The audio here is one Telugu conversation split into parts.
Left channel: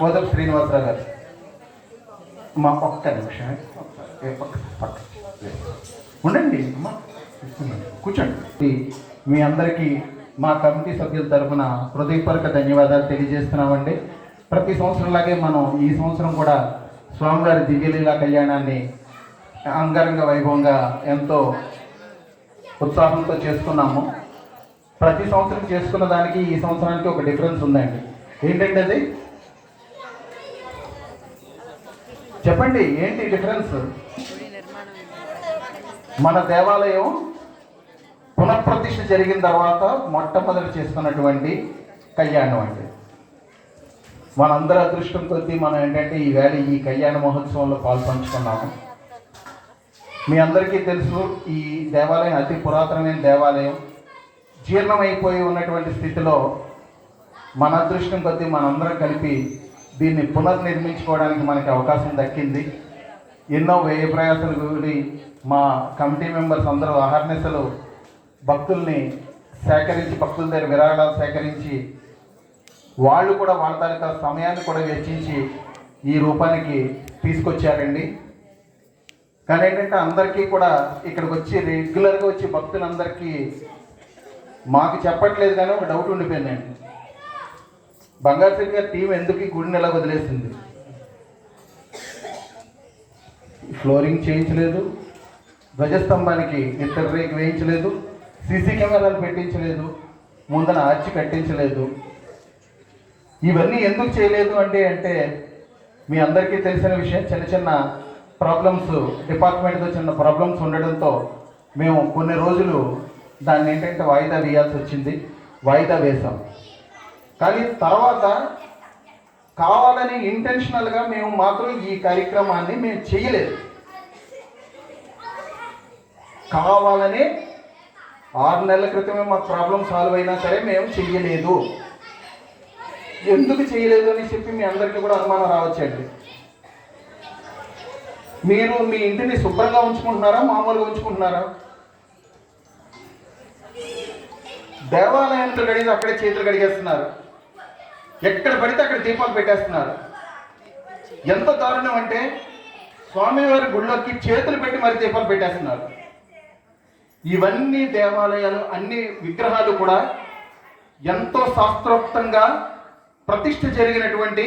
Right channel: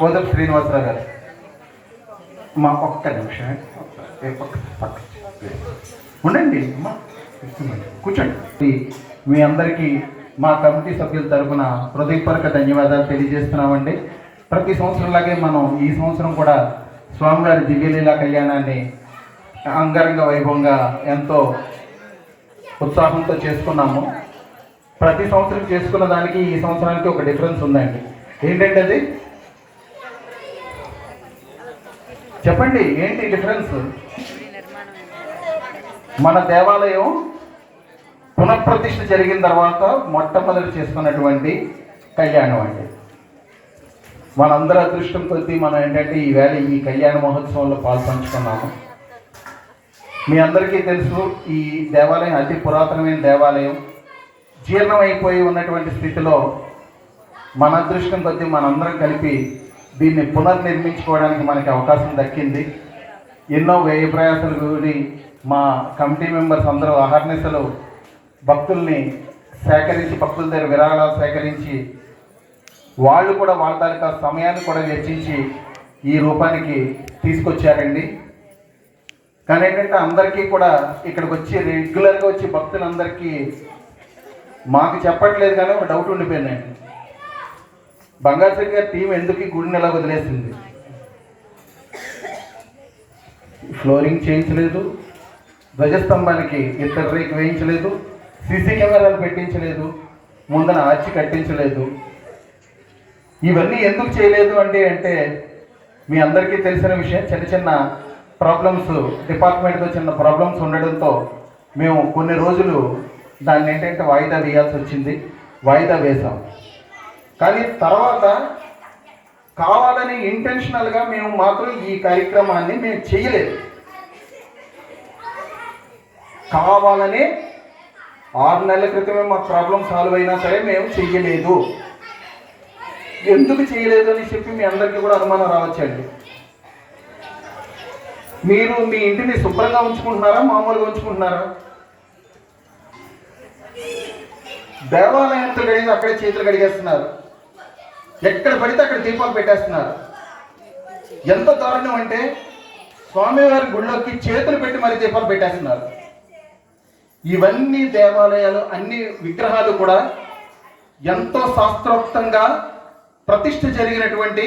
కోదప్ శ్రీనివాసరావు గారు. మా ఒక్క నిమిషమే. ఉండండి కూర్చోండి. మీ అందరికీ మా కమిటీ సభ్యుల తరఫున హృదయపూర్వక ధన్యవాదాలు తెలియజేస్తున్నామండి. ప్రతి సంవత్సరంలాగే మనం ఈ సంవత్సరం కూడా స్వామివారి దివ్యలీలా కళ్యాణాన్ని అంగరంగ వైభవంగా ఎంతో ఉత్సాహంతో చేసుకున్నాము. ప్రతి సంవత్సరం చేసుకున్న దానికి ఈ సంవత్సరానికి ఒక డిఫరెన్స్ ఉందండి. ఏంటంటే అది చెప్పండి ఏంటి డిఫరెన్స్? మన దేవాలయం పునఃప్రతిష్ఠ జరిగిన తర్వాత మొట్టమొదటి చేసుకున్నటువంటి కళ్యాణం అండి. మనందరి అదృష్టం కొద్దీ మనం ఏంటంటే ఈ వేళ ఈ కళ్యాణ మహోత్సవంలో పాల్పంచుకున్నాము. మీ అందరికీ తెలుసు ఈ దేవాలయం అతి పురాతనమైన దేవాలయం. జీర్ణమైపోయి ఉన్నటువంటి స్థితిలో మన అదృష్టం కొద్దీ మనందరం కలిపి దీన్ని పునర్నిర్మించుకోవడానికి మనకి అవకాశం దక్కింది. ఎన్నో వ్యయ ప్రయాసాలు కూడి మా కమిటీ మెంబర్స్ అందరూ అహర్నిశలు భక్తుల్ని సేకరించి భక్తుల దగ్గర విరాళాలు సేకరించి వాళ్ళు కూడా వాళ్ళ తాలూకా సమయాన్ని కూడా వెచ్చించి ఈ రూపానికి తీసుకొచ్చారండి. కానీ ఏంటంటే అందరికీ కూడా ఇక్కడికి వచ్చి రెగ్యులర్గా వచ్చి భక్తులందరికీ మాకు చెప్పట్లేదు కానీ ఒక డౌట్ ఉండిపోయిందండి. బంగారు శ్రీ గారి టీం ఎందుకు ఈ గుడిని ఎలా వదిలేసింది? ఫ్లోరింగ్ చేయించలేదు. ధ్వజస్తంభానికి ఇతర రేక్ వేయించలేదు. సీసీ కెమెరాలు పెట్టించలేదు. ముందన ఆర్చి కట్టించలేదు. ఇవన్నీ ఎందుకు చేయలేదు అంటే అంటే మీ అందరికీ తెలిసిన విషయం చిన్న చిన్న ప్రాబ్లమ్స్ డిపార్ట్మెంట్తో చిన్న ప్రాబ్లమ్స్ ఉండడంతో మేము కొన్ని రోజులు దాన్ని ఏంటంటే వాయిదా వేయాల్సి వచ్చింది. వాయిదా వేసాం కానీ తర్వాత కావాలని ఇంటెన్షనల్గా మేము మాత్రం ఈ కార్యక్రమాన్ని మేము చేయలేదు. కావాలని ఆరు నెలల క్రితమే మా ప్రాబ్లం సాల్వ్ అయినా సరే మేము చేయలేదు ఎందుకు చేయలేదు అని చెప్పి మీ అందరికీ కూడా అనుమానం రావచ్చండి మీరు మీ ఇంటిని శుభ్రంగా ఉంచుకుంటున్నారా మామూలుగా ఉంచుకుంటున్నారా? దేవాలయంతో కడిగి అక్కడే చేతులు కడిగేస్తున్నారు ఎక్కడ పడితే అక్కడ దీపాలు పెట్టేస్తున్నారు. ఎంత దారుణం అంటే స్వామివారి గుళ్ళోకి చేతులు పెట్టి మరి దీపాలు పెట్టేస్తున్నారు. ఇవన్నీ దేవాలయాలు అన్ని విగ్రహాలు కూడా ఎంతో శాస్త్రోక్తంగా ప్రతిష్ఠ జరిగినటువంటి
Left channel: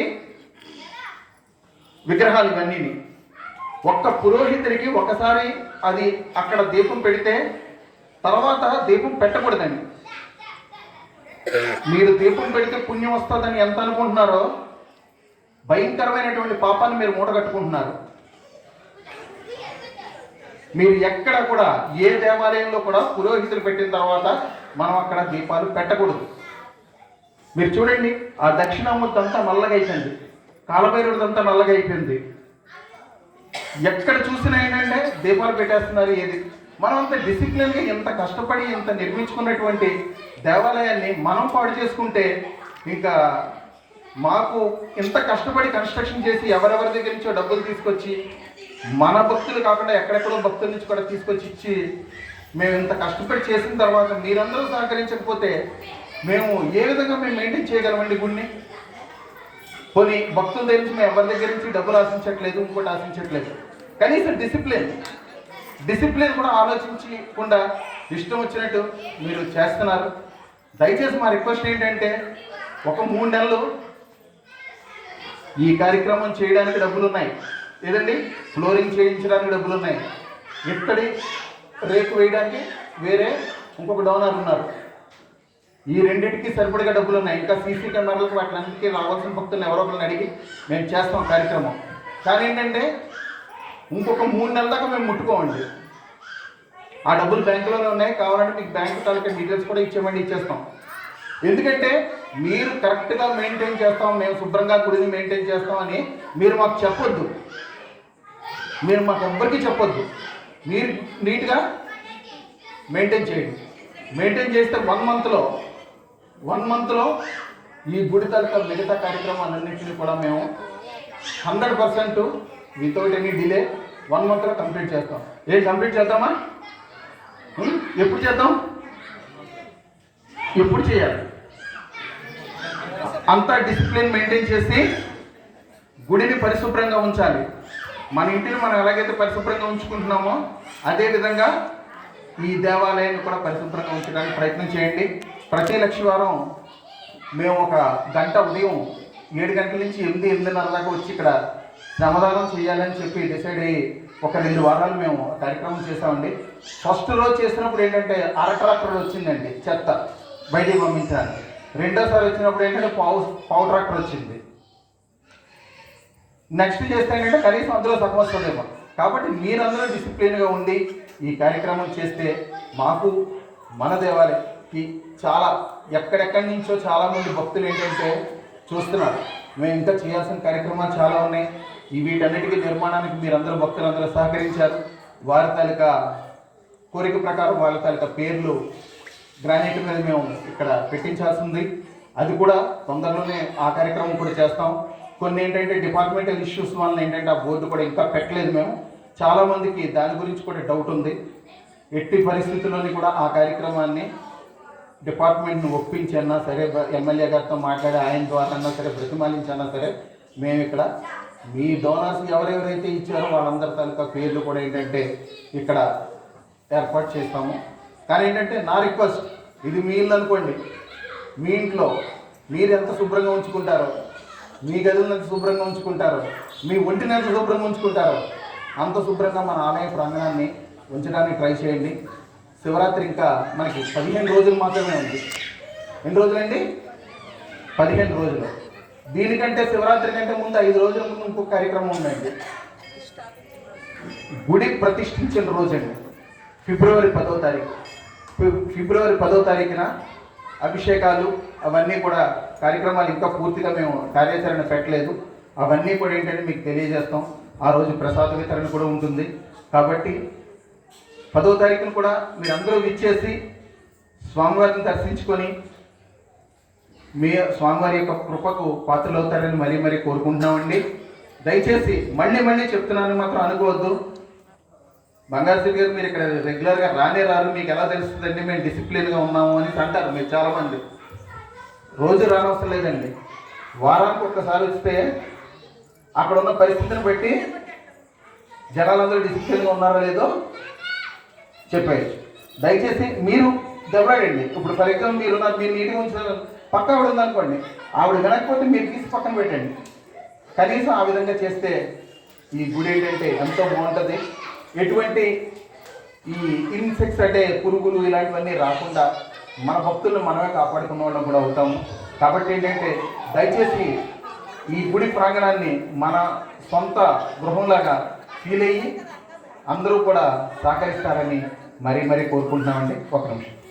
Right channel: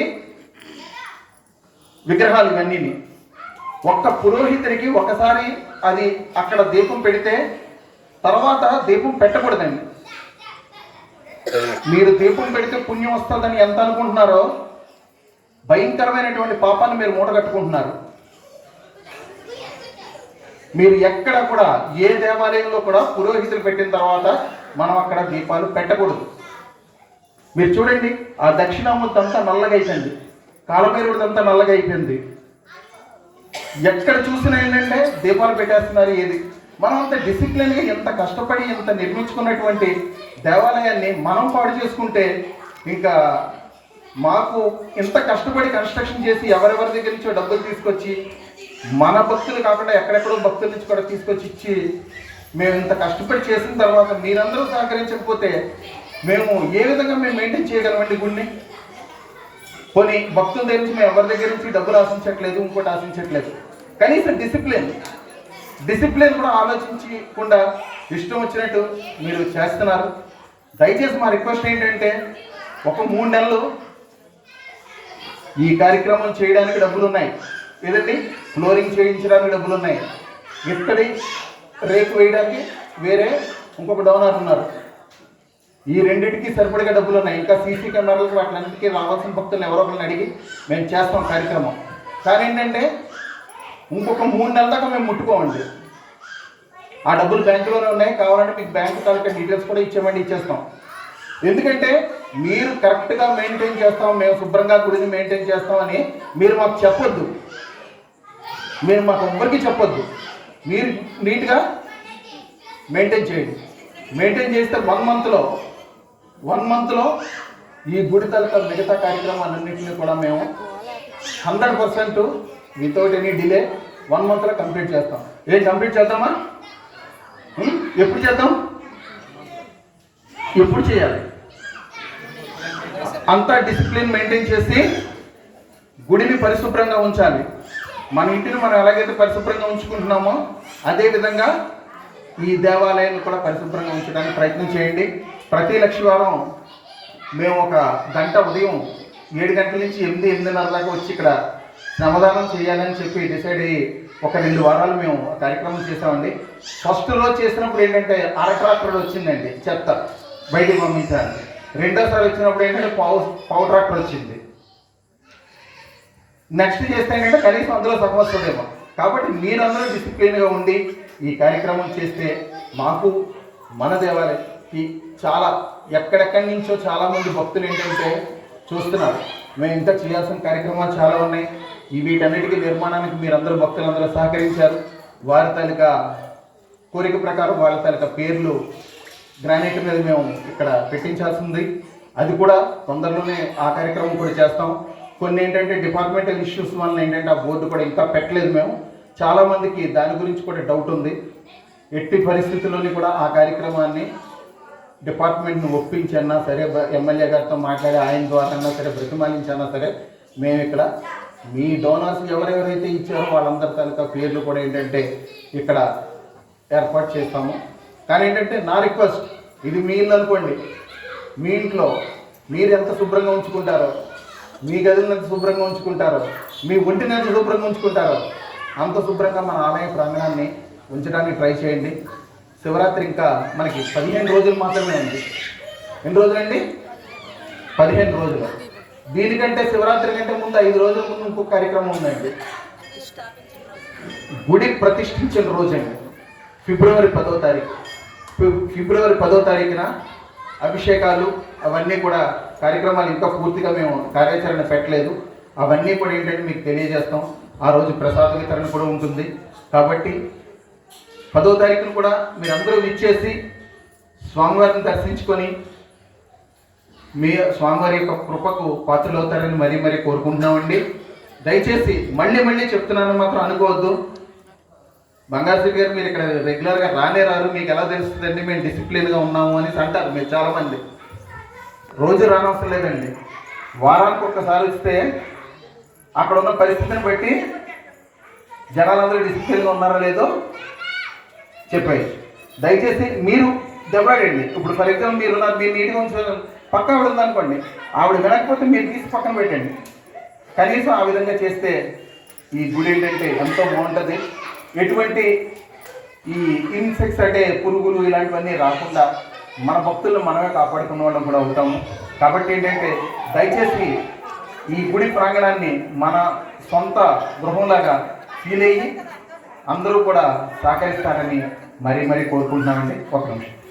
విగ్రహాలు ఇవన్నీ ఒక్క పురోహితుడికి ఒకసారి అది అక్కడ దీపం పెడితే తర్వాత దీపం పెట్టకూడదండి. మీరు దీపం పెడితే పుణ్యం వస్తుందని ఎంత అనుకుంటున్నారో? భయంకరమైనటువంటి పాపాన్ని మీరు మూట కట్టుకుంటున్నారు. మీరు ఎక్కడ కూడా ఏ దేవాలయంలో కూడా పురోహితులు పెట్టిన తర్వాత మనం అక్కడ దీపాలు పెట్టకూడదు. మీరు చూడండి ఆ దక్షిణామూర్తి నల్లగా అయిపోయింది. కాలభైరుడిదంతా నల్లగా అయిపోయింది. ఎక్కడ చూసినా ఏంటంటే దీపాలు పెట్టేస్తున్నారు ఏది? మనం అంత డిసిప్లిన్గా ఎంత కష్టపడి ఎంత నిర్మించుకున్నటువంటి దేవాలయాన్ని మనం పాడు చేసుకుంటే ఇంకా మాకు ఇంత కష్టపడి కన్స్ట్రక్షన్ చేసి ఎవరెవరి దగ్గర నుంచో డబ్బులు తీసుకొచ్చి మన భక్తులు కాకుండా ఎక్కడెక్కడో భక్తుల నుంచి కూడా తీసుకొచ్చి ఇచ్చి మేము ఇంత కష్టపడి చేసిన తర్వాత మీరందరూ సహకరించకపోతే మేము ఏ విధంగా మేము మెయింటైన్ చేయగలమండి గుడిని? పోనీ భక్తుల దగ్గర నుంచి మేము ఎవరి దగ్గర నుంచి డబ్బులు ఆశించట్లేదు ఇంకోటి ఆశించట్లేదు. కనీసం డిసిప్లిన్ డిసిప్లిన్ కూడా ఆలోచించకుండా ఇష్టం వచ్చినట్టు మీరు చేస్తున్నారు. దయచేసి మా రిక్వెస్ట్ ఏంటంటే ఒక మూడు నెలలు ఈ కార్యక్రమం చేయడానికి డబ్బులు ఉన్నాయి. లేదండి ఫ్లోరింగ్ చేయించడానికి డబ్బులు ఉన్నాయి. ఇక్కడి రేకు వేయడానికి వేరే ఇంకొక డౌనర్ ఉన్నారు. ఈ రెండింటికి సరిపడిగా డబ్బులు ఉన్నాయి. ఇంకా సీసీ కెమెరాలకు వాటికి రావాల్సిన భక్తులను ఎవరో ఒకరిని అడిగి మేము చేస్తాం కార్యక్రమం. కానీ ఏంటంటే ఇంకొక మూడు నెలల దాకా మేము ముట్టుకోమండి. ఆ డబ్బులు బ్యాంకులోనే ఉన్నాయి. కావాలంటే మీకు బ్యాంకు తాలూకా డీటెయిల్స్ కూడా ఇచ్చామండి ఇచ్చేస్తాం. ఎందుకంటే మీరు కరెక్ట్గా మెయింటైన్ చేస్తాం మేము శుభ్రంగా గుడిని మెయింటైన్ చేస్తామని మీరు మాకు చెప్పొద్దు. మీరు మాకు ఎవ్వరికీ చెప్పొద్దు. మీరు నీట్గా మెయింటైన్ చేయండి. మెయింటైన్ చేస్తే వన్ మంత్లో వన్ మంత్లో ఈ గుడి తాలూకా మిగతా కార్యక్రమాలన్నింటినీ కూడా మేము hundred percent without any delay one మంత్లో కంప్లీట్ చేస్తాం. ఏం కంప్లీట్ చేద్దామా? Hmm? ఎప్పుడు చేద్దాం? ఎప్పుడు చేయాలి? అంతా డిసిప్లిన్ మెయింటైన్ చేసి గుడిని పరిశుభ్రంగా ఉంచాలి. మన ఇంటిని మనం ఎలాగైతే పరిశుభ్రంగా ఉంచుకుంటున్నామో అదేవిధంగా ఈ దేవాలయాన్ని కూడా పరిశుభ్రంగా ఉంచడానికి ప్రయత్నం చేయండి. ప్రతి లక్షవారం మేము ఒక గంట ఉదయం ఏడు గంటల నుంచి ఎనిమిది ఎనిమిదిన్నర దాకా వచ్చి ఇక్కడ శ్రమదానం చేయాలని చెప్పి డిసైడ్ అయ్యి ఒక రెండు వారాలు మేము ఆ కార్యక్రమం చేసామండి ఫస్ట్లో చేసినప్పుడు ఏంటంటే అర ట్రాక్టర్ వచ్చిందండి చెత్త బయటికి పంపించాలి రెండోసారి వచ్చినప్పుడు ఏంటంటే పావు పావు ట్రాక్టర్ వచ్చింది. నెక్స్ట్ చేస్తే ఏంటంటే కనీసం అందులో సమస్యలేమో కాబట్టి మీరందరూ డిసిప్లిన్గా ఉండి ఈ కార్యక్రమం చేస్తే మాకు మన దేవాలయకి చాలా ఎక్కడెక్కడి నుంచో చాలా మంది భక్తులు ఏంటంటే చూస్తున్నారు. మేము ఇంకా చేయాల్సిన కార్యక్రమాలు చాలా ఉన్నాయి. ఈ వీటన్నిటికీ నిర్మాణానికి మీరందరూ భక్తులందరూ సహకరించారు. వారి తాలూకా కోరిక ప్రకారం వాళ్ళ తాలూకా పేర్లు గ్రానైట్ మీద మేము ఇక్కడ పెట్టించాల్సి ఉంది అది కూడా తొందరలోనే ఆ కార్యక్రమం కూడా చేస్తాం. కొన్ని ఏంటంటే డిపార్ట్మెంటల్ ఇష్యూస్ వల్ల ఏంటంటే ఆ బోర్డు కూడా ఇంకా పెట్టలేదు మేము. చాలామందికి దాని గురించి కూడా డౌట్ ఉంది. ఎట్టి పరిస్థితుల్లోని కూడా ఆ కార్యక్రమాన్ని డిపార్ట్మెంట్ని ఒప్పించన్నా సరే ఎమ్మెల్యే గారితో మాట్లాడి ఆయన ద్వారా సరే బ్రతిమాలించన్నా సరే మేము ఇక్కడ మీ డోనర్స్ ఎవరెవరైతే ఇచ్చారో వాళ్ళందరి తాలూకా పేర్లు కూడా ఏంటంటే ఇక్కడ ఏర్పాటు చేస్తాము. కానీ ఏంటంటే నా రిక్వెస్ట్ ఇది మీ ఇల్లు అనుకోండి. మీ ఇంట్లో మీరు ఎంత శుభ్రంగా ఉంచుకుంటారో మీ గదులను ఎంత శుభ్రంగా ఉంచుకుంటారో మీ ఒంటిని ఎంత శుభ్రంగా ఉంచుకుంటారో అంత శుభ్రంగా మన ఆలయ ప్రాంగణాన్ని ఉంచడానికి ట్రై చేయండి. శివరాత్రి ఇంకా మనకి పదిహేను రోజులు మాత్రమే ఉంది. ఎన్ని రోజులండి? పదిహేను రోజులు. దీనికంటే శివరాత్రి కంటే ముందు ఐదు రోజుల ముందు ఇంకొక కార్యక్రమం ఉందండి. గుడి ప్రతిష్ఠించిన రోజండి. ఫిబ్రవరి పదో తారీఖు. ఫిబ్రవరి పదో తారీఖున అభిషేకాలు అవన్నీ కూడా కార్యక్రమాలు ఇంకా పూర్తిగా మేము కార్యాచరణ పెట్టలేదు. అవన్నీ కూడా ఏంటంటే మీకు తెలియజేస్తాం. ఆ రోజు ప్రసాద వితరణ కూడా ఉంటుంది. కాబట్టి పదో తారీఖున కూడా మీరందరూ విచ్చేసి స్వామివారిని దర్శించుకొని మీ స్వామివారి యొక్క కృపకు పాత్రలు అవుతారని మరీ మరీ కోరుకుంటున్నామండి. దయచేసి మళ్ళీ మళ్ళీ చెప్తున్నాను మాత్రం అనుకోవద్దు. బంగారు శ్రీ గారు మీరు ఇక్కడ రెగ్యులర్గా రానే రారు. మీకు ఎలా తెలుస్తుందండి? మేము డిసిప్లిన్గా ఉన్నాము అని అంటారు మీరు చాలామంది. రోజు రానవసరం లేదండి. వారానికి ఒక్కసారి వస్తే అక్కడ ఉన్న పరిస్థితిని బట్టి జనాలందరూ డిసిప్లిన్గా ఉన్నారో లేదో చెప్పాయి దయచేసి మీరు దెబ్బలాడండి. ఇప్పుడు ఫర్ ఎగ్జాంపుల్ మీరు మీరు నీట్గా ఉంచారు పక్క ఆవిడ ఉందనుకోండి ఆవిడ వినకపోతే మీరు తీసి పక్కన పెట్టండి. కనీసం ఆ విధంగా చేస్తే ఈ గుడి ఏంటంటే ఎంతో బాగుంటుంది. ఎటువంటి ఈ ఇన్సెక్ట్స్ అంటే పురుగులు ఇలాంటివన్నీ రాకుండా మన భక్తులను మనమే కాపాడుకున్న వాళ్ళం కూడా అవుతాము. కాబట్టి ఏంటంటే దయచేసి ఈ గుడి ప్రాంగణాన్ని మన సొంత గృహంలాగా ఫీల్ అయ్యి అందరూ కూడా సహకరిస్తారని మరీ మరీ కోరుకుంటున్నామండి. ఒక నిమిషం.